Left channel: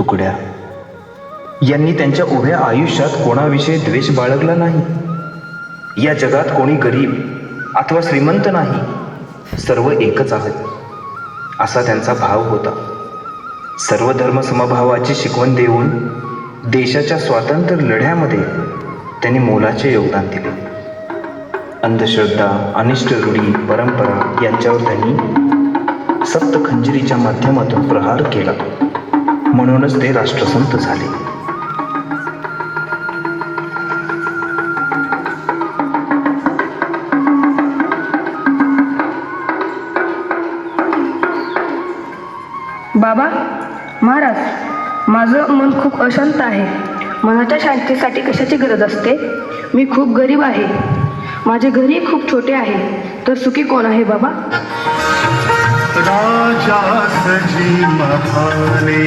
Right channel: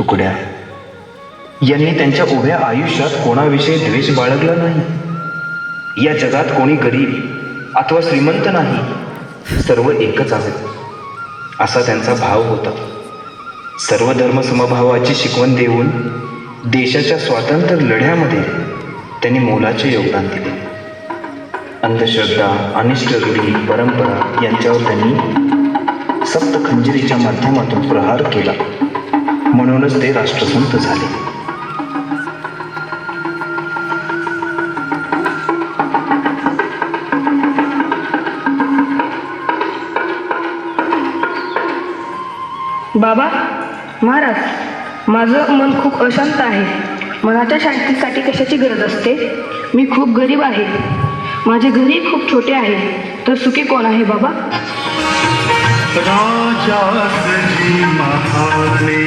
तुकड्या यांनी त्यांच्या उभ्या आयुष्यात कोणाविषयी द्वेष बाळगला नाही. या जगात कोणी गरीब अथवा श्रीमंत नाही, सर्व एकच आहेत असा त्यांचा भाव होता. सर्व धर्म समभावाची शिकवण देऊन देशाच्या स्वातंत्र्य लढ्यामध्ये त्यांनी मोलाचे योगदान दिले. अंधश्रद्धा, अनिष्ट रूढी, परंपरा यांच्यावर त्यांनी सप्तखंजरीच्या माध्यमातून प्रहार केला. म्हणूनच ते राष्ट्रसंत झाले. बाबा, महाराज, माझं मन खूप अशांत आहे. मनाच्या शांतीसाठी कशाची गरज असते? मी खूप गरीब आहे. माझे घरही खूप छोटे आहे. तर सुखी कोण आहे बाबा? राजासजी महाने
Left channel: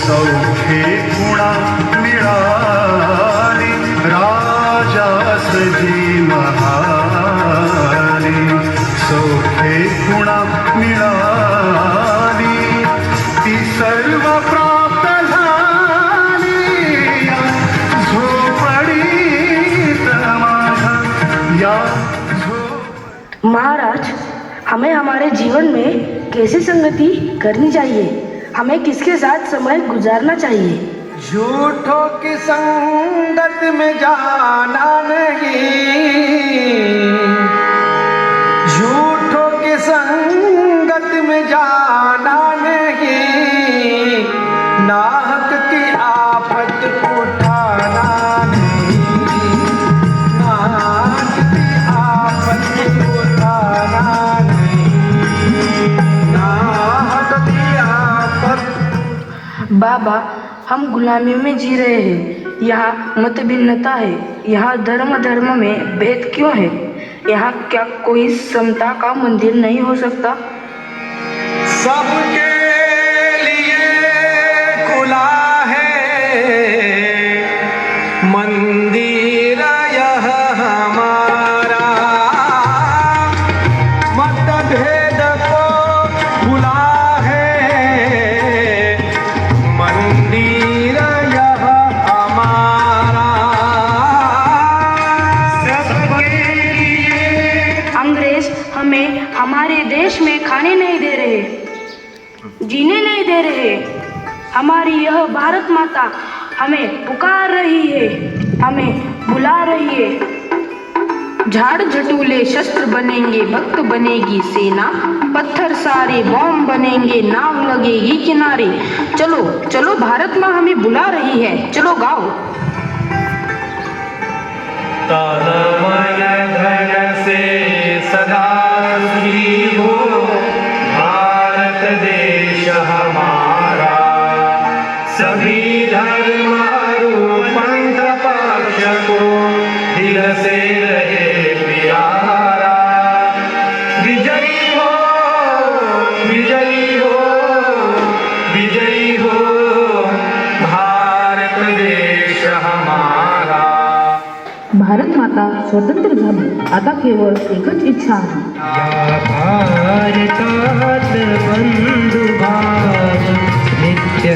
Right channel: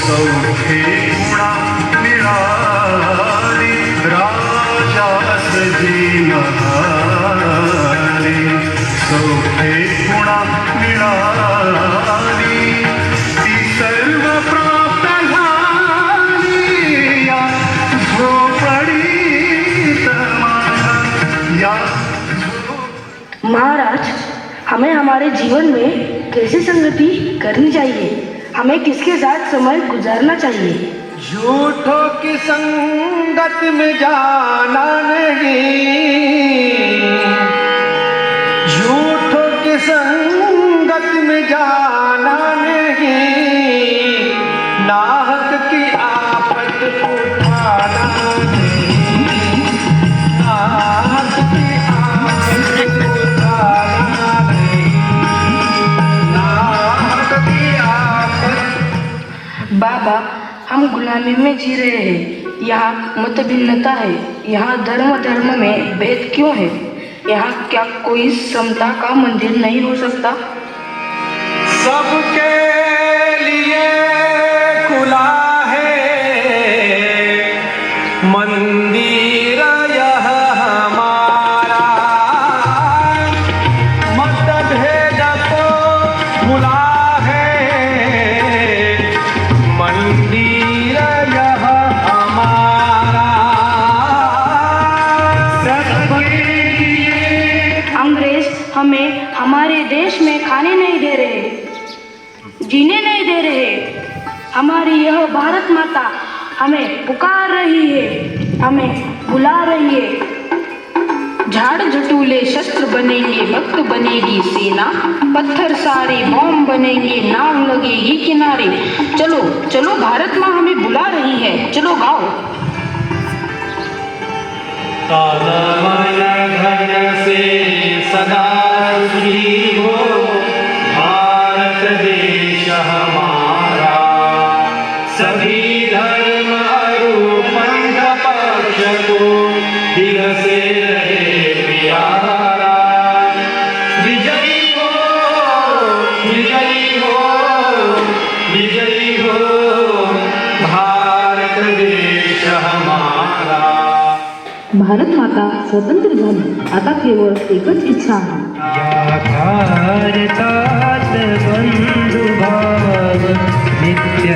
सौखे गुणा मिळाली. राजासजी महाने सौखे गुणा मिळाली. ती सर्व प्राप्त झाली या झोपडीत माझ्या, या महाराज, हमें हमारे जीवन में कैसी संगति करनी चाहिए? हमें किसके साथ समय गुजारना चाहिए? झूठों की संगत में जाना नहीं, झूठों की संगत में जाना नहीं, नाहक की आफत उठाना नहीं, नाहक की आफत उठाना नहीं, नाहक की आफत। बाबा, हम गुलामी में जी रहे हैं. यहाँ मत भिन्नता है. यहाँ धर्म में भेद क्यों है? यहाँ क्या कोई समता का मंदिर नहीं हो सकता? सबके लिए खुला है मंदिर यह हमारा, मतभेद को खुला है मंदिर यह हमारा। सबके लिए अंग्रेज हमें हमारे देश में खाने नहीं दे रहे, जीने नहीं दे रहे. हमारी यह भारत माता हमें पुकार रही है, हमें बुला रही है. झाड़ झटूले शस्त्र बनेंगे, भक्त बनेगी सेना, पत्थर सारे बॉम्ब बनेंगे, नाव लगेगी किनारे. चलो चलो, भारत माँ हमें बुला रही है, चलो गाओ. तन मन धन से सदा सुखी हो भारत देश हमारा. सभी धर्म और पंथ पक्ष को दिल से रहे प्यारा. विजयी हो, विजयी हो, विजयी हो भारत देश हमारा. भारत माता स्वतंत्र झाली. आता केवळ एकच इच्छा आहे. या भारतात बंधुभाव नित्य